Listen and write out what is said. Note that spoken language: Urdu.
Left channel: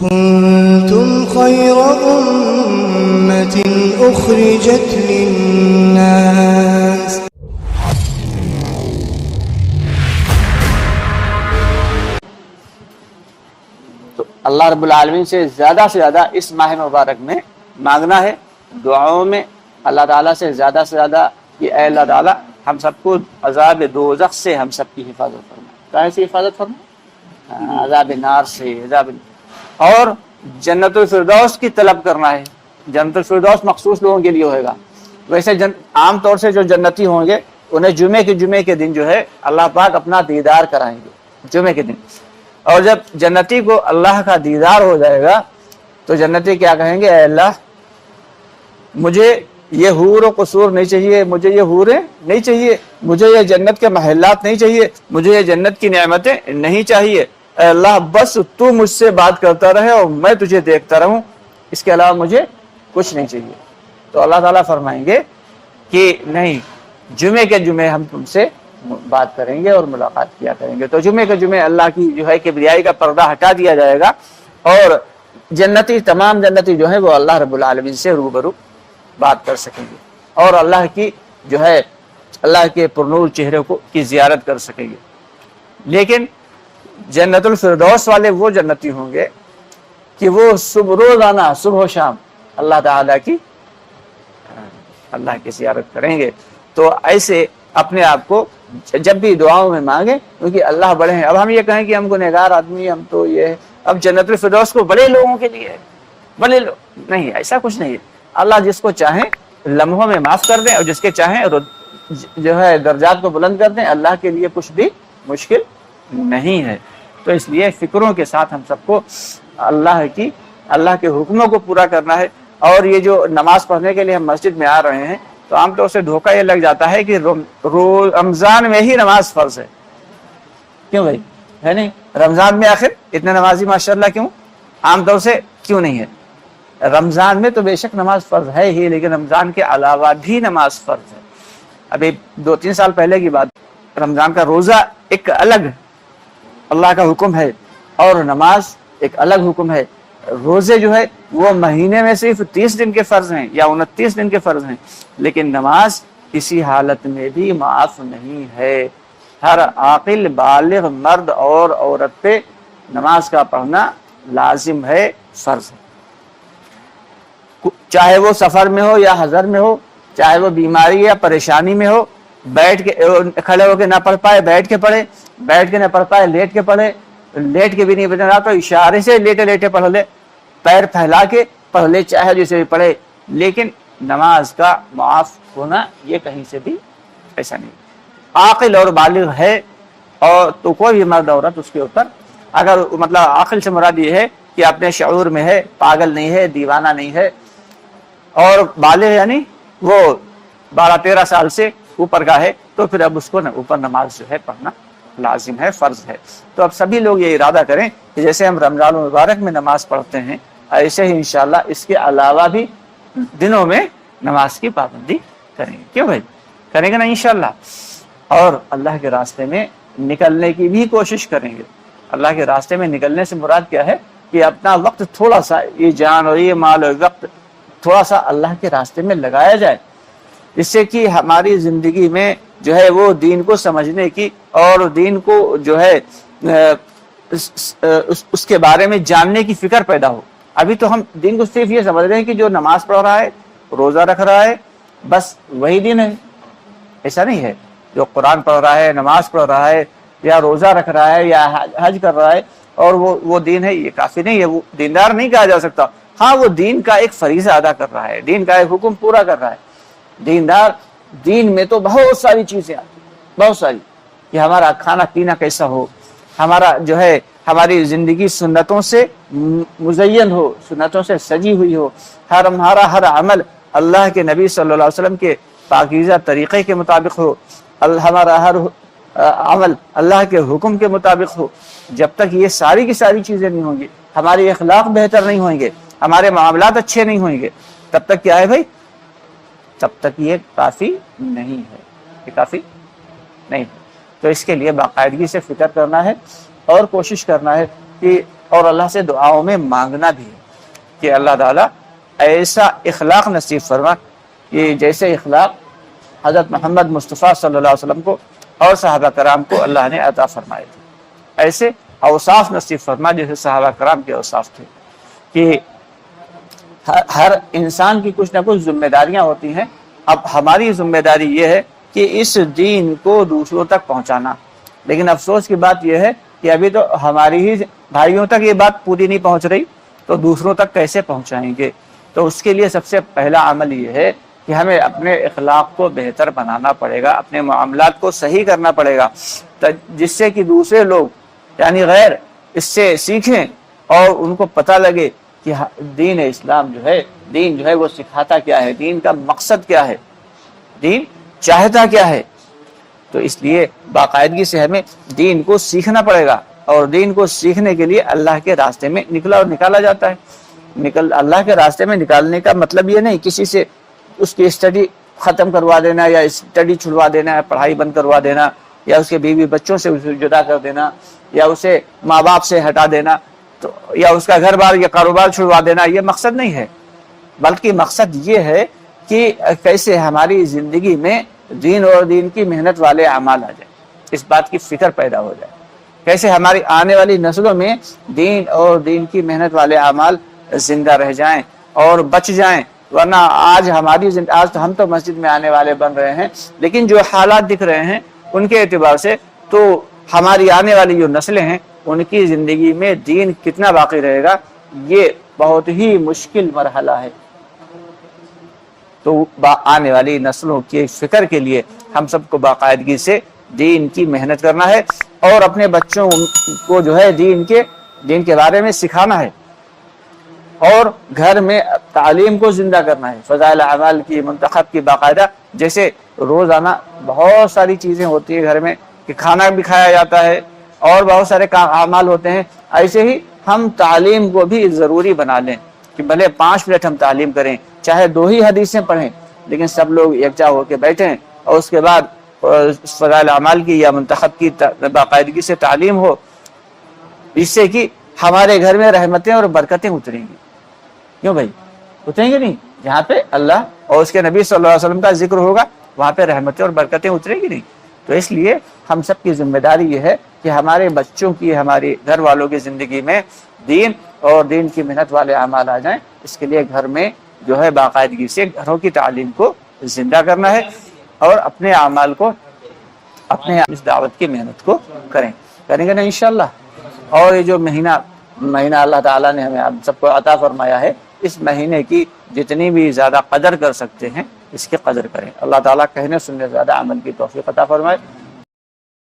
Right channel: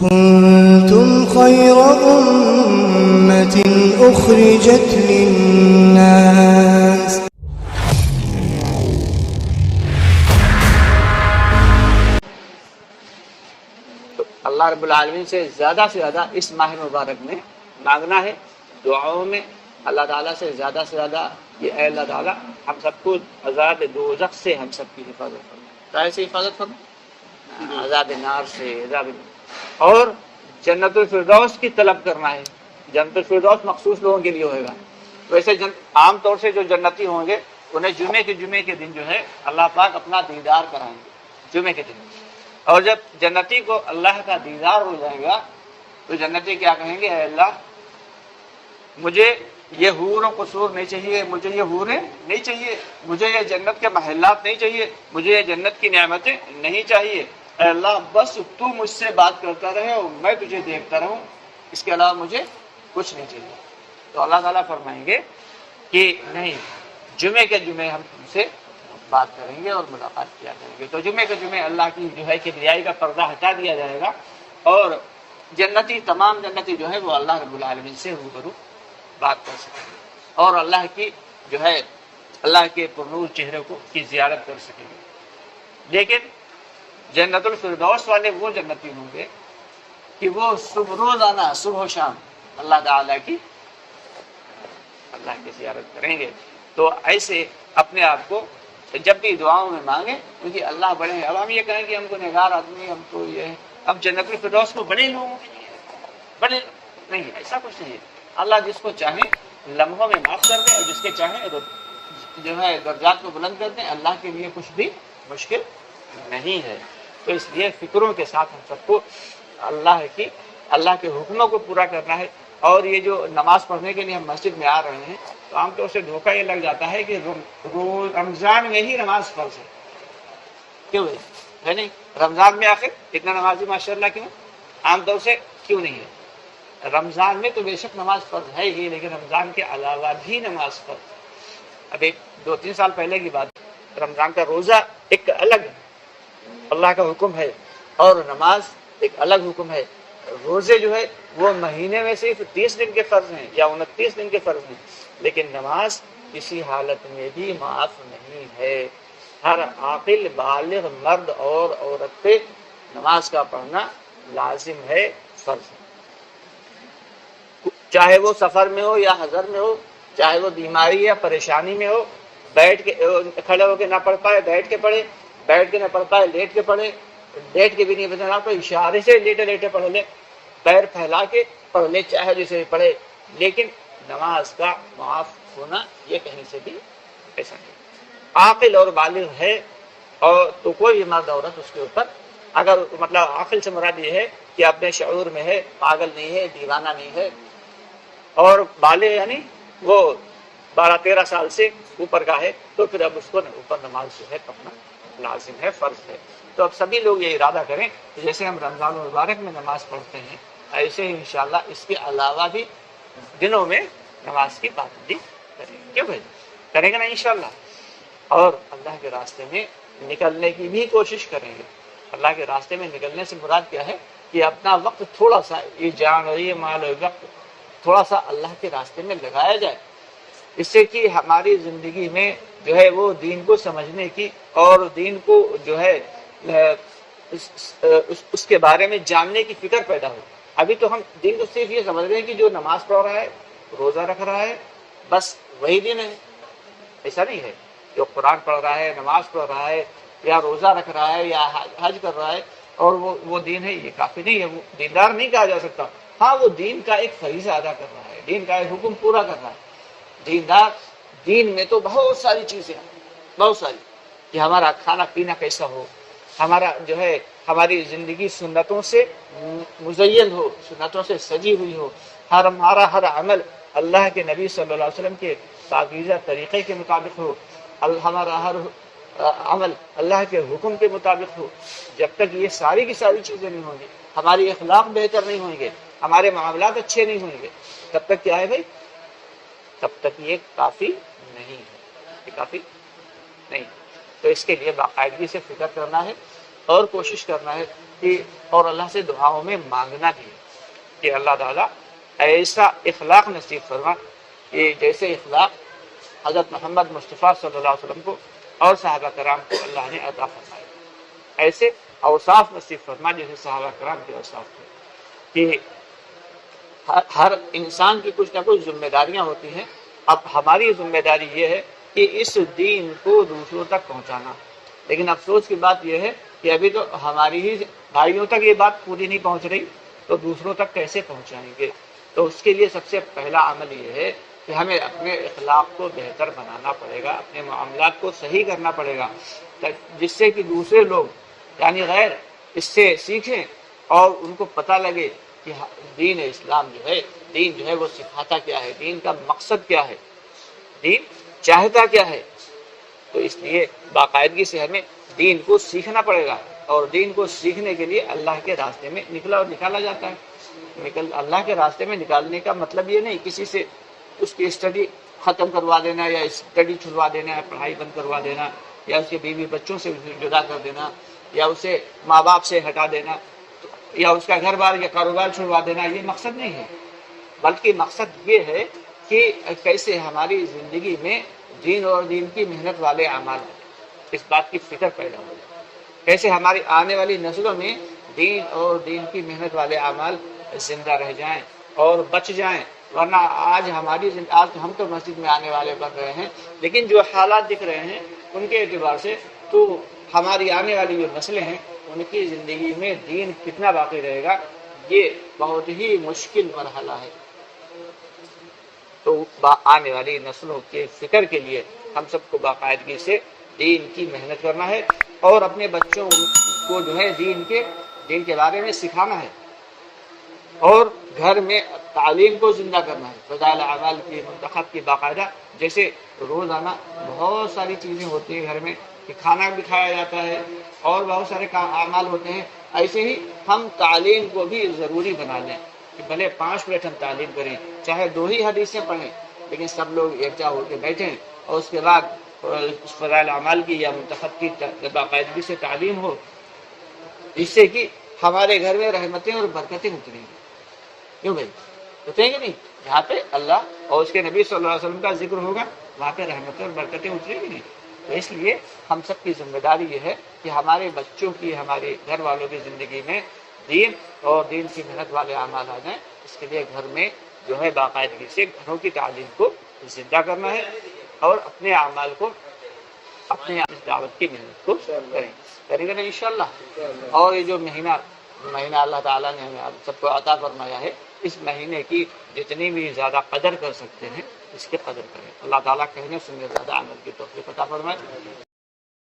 كنتم خير أمة أخرجت للناس اللہ رب العالمین سے زیادہ اس ماہ مبارک میں مانگنا ہے، دعاؤں میں اللہ تعالیٰ سے زیادہ کہ اے اللہ تعالیٰ ہم سب کو عذاب دوزخ سے ہم سب کی حفاظت فرما، کہاں سے حفاظت فرما؟ عذاب نار سے، اور جنت الفردوس کی طلب کرنا ہے۔ جنت الفردوس مخصوص لوگوں کے لیے ہوئے گا، ویسے عام طور سے جو جنتی ہوں گے انہیں جمعے کے دن جو ہے اللہ پاک اپنا دیدار کرائیں گے، جمعے کے دن۔ اور جب جنتی کو اللہ کا دیدار ہو جائے گا تو جنتی کیا کہیں گے؟ اے اللہ مجھے یہ حور و قصور نہیں چاہیے، مجھے یہ حوریں نہیں چاہیے، مجھے یہ جنت کے محلات نہیں چاہیے، مجھے یہ جنت کی نعمتیں نہیں چاہیے، اے اللہ بس تو مجھ سے بات کرتا رہے اور میں تجھے دیکھتا رہوں، اس کے علاوہ مجھے کچھ نہیں چاہیے۔ تو اللہ تعالیٰ فرمائیں گے کہ نہیں، جمعے کے جمعے ہم تم سے بات کریں گے اور ملاقات کیا کریں گے۔ تو جمعے کے جمعے اللہ کی جو ہے کبریائی کا پردہ ہٹا دیا جائے گا اور تمام جنتی جو ہے وہ اللہ رب العالمین سے روبرو بات کر سکیں گے اور اللہ کی جو ہے اللہ کے پرنور چہرے کی زیارت کر سکیں گے۔ لیکن جنت الفردوس والے وہ جنتی ہوں گے کہ وہ روزانہ صبح و شام اللہ تعالیٰ کی زیارت کریں گے۔ تو ایسے اپنے آپ کو جب بھی دعاؤں میں مانگیں، کیونکہ اللہ بڑے ہیں۔ اب ہم یہ کہیں کہ ہم گنہگار آدمی، ہم تو یہ ہے، اب جنت الفردوس کو بڑے لوگوں کے لیے بڑے لوگ نہیں، ایسا کچھ نہیں ہے۔ اللہ جس کو چاہیں لمحوں میں معاف کر دیں اور جس کے چاہیں جو ہے درجات کو بلند کر دیں، اللہ کے لیے کچھ بھی مشکل نہیں ہے۔ تو اس لیے فکروں کے ساتھ ہم سب کو اللہ کے حکموں کو پورا کرنا ہے۔ اور یہ جو نماز پڑھنے کے لیے ہم مسجد میں آ رہے ہیں تو عام طور سے دھوکہ یہ لگ جاتا ہے کہ رمضان میں ہی نماز فرض ہے۔ کیوں بھائی؟ ہے نہیں؟ رمضان میں آخر اتنے نمازی ماشاءاللہ کیوں؟ عام طور سے کیوں نہیں ہے؟ رمضان میں تو بے شک نماز فرض ہے ہی، لیکن رمضان کے علاوہ بھی نماز فرض ہے۔ ابھی 2-3 سال پہلے کی بات، رمضان کا روزہ ایک الگ اللہ کا حکم ہے اور نماز ایک الگ حکم ہے۔ روزے جو ہے وہ مہینے میں صرف 30 دن کے فرض ہیں یا 29 دن کے فرض ہیں، لیکن نماز کسی حالت میں بھی معاف نہیں ہے۔ ہر عاقل بالغ مرد اور عورت پہ نماز کا پڑھنا لازم ہے، فرض ہے، چاہے وہ سفر میں ہو یا حضر میں ہو، چاہے وہ بیماری یا پریشانی میں ہو، بیٹھ کے کھڑے ہو کے نہ پڑھ پائے بیٹھ کے پڑھے، بیٹھ کے نہ پڑھ پائے لیٹ کے پڑھے، لیٹ کے بھی نہیں پڑھنا تو اشارے سے لیٹے پڑھ لے، پیر پھیلا کے پڑھ لے، چاہے جسے بھی پڑھے، لیکن نماز کا معاف ہونا یہ کہیں سے بھی ایسا نہیں۔ عاقل اور بالغ ہے اور تو کوئی بھی مرد عورت اس کے اوپر، اگر مطلب عاقل سے مراد یہ ہے کہ اپنے شعور میں ہے، پاگل نہیں ہے، دیوانہ نہیں ہے، اور بالغ یعنی وہ 12-13 سال سے اوپر کا ہے، تو پھر اب اس کو اوپر نماز جو ہے پڑھنا لازم ہے، فرض ہے۔ تو اب سبھی لوگ یہ ارادہ کریں کہ جیسے ہم رمضان المبارک میں نماز پڑھتے ہیں، ایسے ہی انشاءاللہ اس کے علاوہ بھی دنوں میں نماز کی پابندی کریں گے۔ کیوں بھائی؟ کریں گے نا انشاءاللہ، اور اللہ کے راستے میں نکلنے کی بھی کوشش کریں گے۔ اللہ کے راستے میں نکلنے سے مراد کیا ہے کہ اپنا وقت تھوڑا سا، یہ جان اور یہ مال اور وقت تھوڑا سا اللہ کے راستے میں لگایا جائے، اس سے کہ ہماری زندگی میں جو ہے وہ دین کو سمجھنے کی اور دین کو جو ہے اس کے بارے میں جاننے کی فکر پیدا ہو۔ ابھی تو ہم دین کو صرف یہ سمجھ رہے ہیں کہ جو نماز پڑھ رہا ہے، روزہ رکھ رہا ہے، بس وہی دین ہے۔ ایسا نہیں ہے، جو قرآن پڑھ رہا ہے، نماز پڑھ رہا ہے، یا روزہ رکھ رہا ہے، یا حج کر رہا ہے اور وہ دین ہے، یہ کافی نہیں ہے، وہ دیندار نہیں کہا جا سکتا۔ ہاں، وہ دین کا ایک فریضہ ادا کر رہا ہے، دین کا ایک حکم پورا کر رہا ہے۔ دیندار دین میں تو بہت ساری چیزیں آتی، بہت ساری، کہ ہمارا کھانا پینا کیسا ہو، ہمارا جو ہے ہماری زندگی سنتوں سے مزین ہو، سنتوں سے سجی ہوئی ہو، ہمارا ہر عمل اللہ کے نبی صلی اللہ علیہ وسلم کے پاکیزہ طریقے کے مطابق ہو، ہمارا ہر عمل اللہ کے حکم کے مطابق ہو۔ جب تک یہ ساری کی ساری چیزیں نہیں ہوں گی، ہماری اخلاق بہتر نہیں ہوئیں گے، ہمارے معاملات اچھے نہیں ہوئیں گے، تب تک کیا ہے بھائی؟ تب تک یہ کافی نہیں ہے، یہ کافی نہیں ہے۔ تو اس کے لیے باقاعدگی سے فکر کرنا ہے اور کوشش کرنا ہے کہ اور اللہ سے دعاؤں میں مانگنا بھی ہے کہ اللہ تعالیٰ ایسا اخلاق نصیب فرما کہ جیسے اخلاق حضرت محمد مصطفیٰ صلی اللہ علیہ وسلم کو اور صحابہ کرام کو اللہ نے عطا فرمائے تھے، ایسے اوصاف نصیب فرما جیسے صحابہ کرام کے اوصاف تھے کہ ہر انسان کی کچھ نہ کچھ ذمہ داریاں ہوتی ہیں۔ اب ہماری ذمہ داری یہ ہے کہ اس دین کو دوسروں تک پہنچانا، لیکن افسوس کی بات یہ ہے کہ ابھی تو ہماری ہی بھائیوں تک یہ بات پوری نہیں پہنچ رہی، تو دوسروں تک کیسے پہنچائیں گے؟ تو اس کے لیے سب سے پہلا عمل یہ ہے کہ ہمیں اپنے اخلاق کو بہتر بنانا پڑے گا، اپنے معاملات کو صحیح کرنا پڑے گا، جس سے کہ دوسرے لوگ یعنی غیر اس سے سیکھیں اور ان کو پتہ لگے کہ دین اسلام دین جو ہے وہ سکھاتا کیا ہے، دین کا مقصد کیا ہے، دین چاہتا کیا ہے۔ تو اس لیے باقاعدگی سے ہمیں دین کو سیکھنا پڑے گا، اور دین کو سیکھنے کے لیے اللہ کے راستے میں نکالا جاتا ہے۔ اللہ کے راستے میں نکالنے کا مطلب یہ نہیں کسی سے اس کی اسٹڈی ختم کروا دینا، یا اسٹڈی چھڑوا دینا، یا پڑھائی بند کروا دینا، یا اس کے بیوی بچوں سے اسے جدا کر دینا، یا اسے ماں باپ سے ہٹا دینا، تو یا اس کا گھر بار یا کاروبار چھڑوا دینا، یہ مقصد نہیں ہے، بلکہ مقصد یہ ہے کہ کیسے ہماری زندگی میں دین اور دین کی محنت والے اعمال آ جائیں، اس بات کی فکر پیدا ہو جائے، کیسے ہماری آنے والی نسلوں میں دین اور دین کی محنت والے اعمال زندہ رہ جائیں اور بچ جائیں۔ ورنہ آج تو ہم تو مسجد میں آنے والے بن رہے ہیں، لیکن جو حالات دکھ رہے ہیں ان کے اعتبار سے تو ہماری آنے والی جو نسلیں ہیں ان کی زندگی میں دین کتنا باقی رہے گا، یہ بہت ہی مشکل مرحلہ ہے۔ تو آنے والی نسلوں کی فکر کے لیے ہم سب کو باقاعدگی سے دین کی محنت کرنا ہے، اور اپنے بچوں کو جو ہے دین کے بارے میں سکھانا ہے، اور گھر میں تعلیم کو زندہ کرنا ہے، فضائل اعمال کی منتخب کی باقاعدہ، جیسے روزانہ بہت ساری چیزیں ہوتی ہیں گھر میں کہ کھانا بھی کھایا جاتا ہے اور بہت سارے اعمال ہوتے ہیں، ایسے ہی ہم تعلیم کو بھی ضروری بنا لیں کہ بھلے 5 منٹ ہم تعلیم کریں، چاہے 2 ہی حدیثیں پڑھیں، لیکن سب لوگ یکجا ہو کے بیٹھیں اور اس کے بعد فضائل اعمال کی یا منتخب کی باقاعدگی سے تعلیم ہو، جس سے کہ ہمارے گھر میں رحمتیں اور برکتیں اتریں گی۔ کیوں بھائی؟ اتریں گے نہیں؟ جہاں پہ اللہ اور اس کے نبی صلی اللہ علیہ وسلم کا ذکر ہوگا وہاں پہ رحمتیں اور برکتیں اتریں گی نہیں؟ تو اس لیے ہم سب کی ذمہ داری یہ ہے کہ ہمارے بچوں کی، ہماری گھر والوں کی زندگی میں دین اور دین کی محنت والے اعمال آ جائیں۔ اس کے لیے گھر میں جو ہے باقاعدگی سے گھروں کی تعلیم کو زندہ کرنا ہے، اور اپنے اعمال کو، اپنے اس دعوت کی محنت کو کریں گے نا انشاءاللہ۔ اور یہ جو مہینہ اللہ تعالیٰ نے ہمیں سب کو عطا فرمایا ہے، اس مہینے کی جتنی بھی زیادہ قدر کر سکتے ہیں اس کی قدر کریں۔ اللہ تعالیٰ کہنے سننے زیادہ عمل کی توفیق عطا فرمائے۔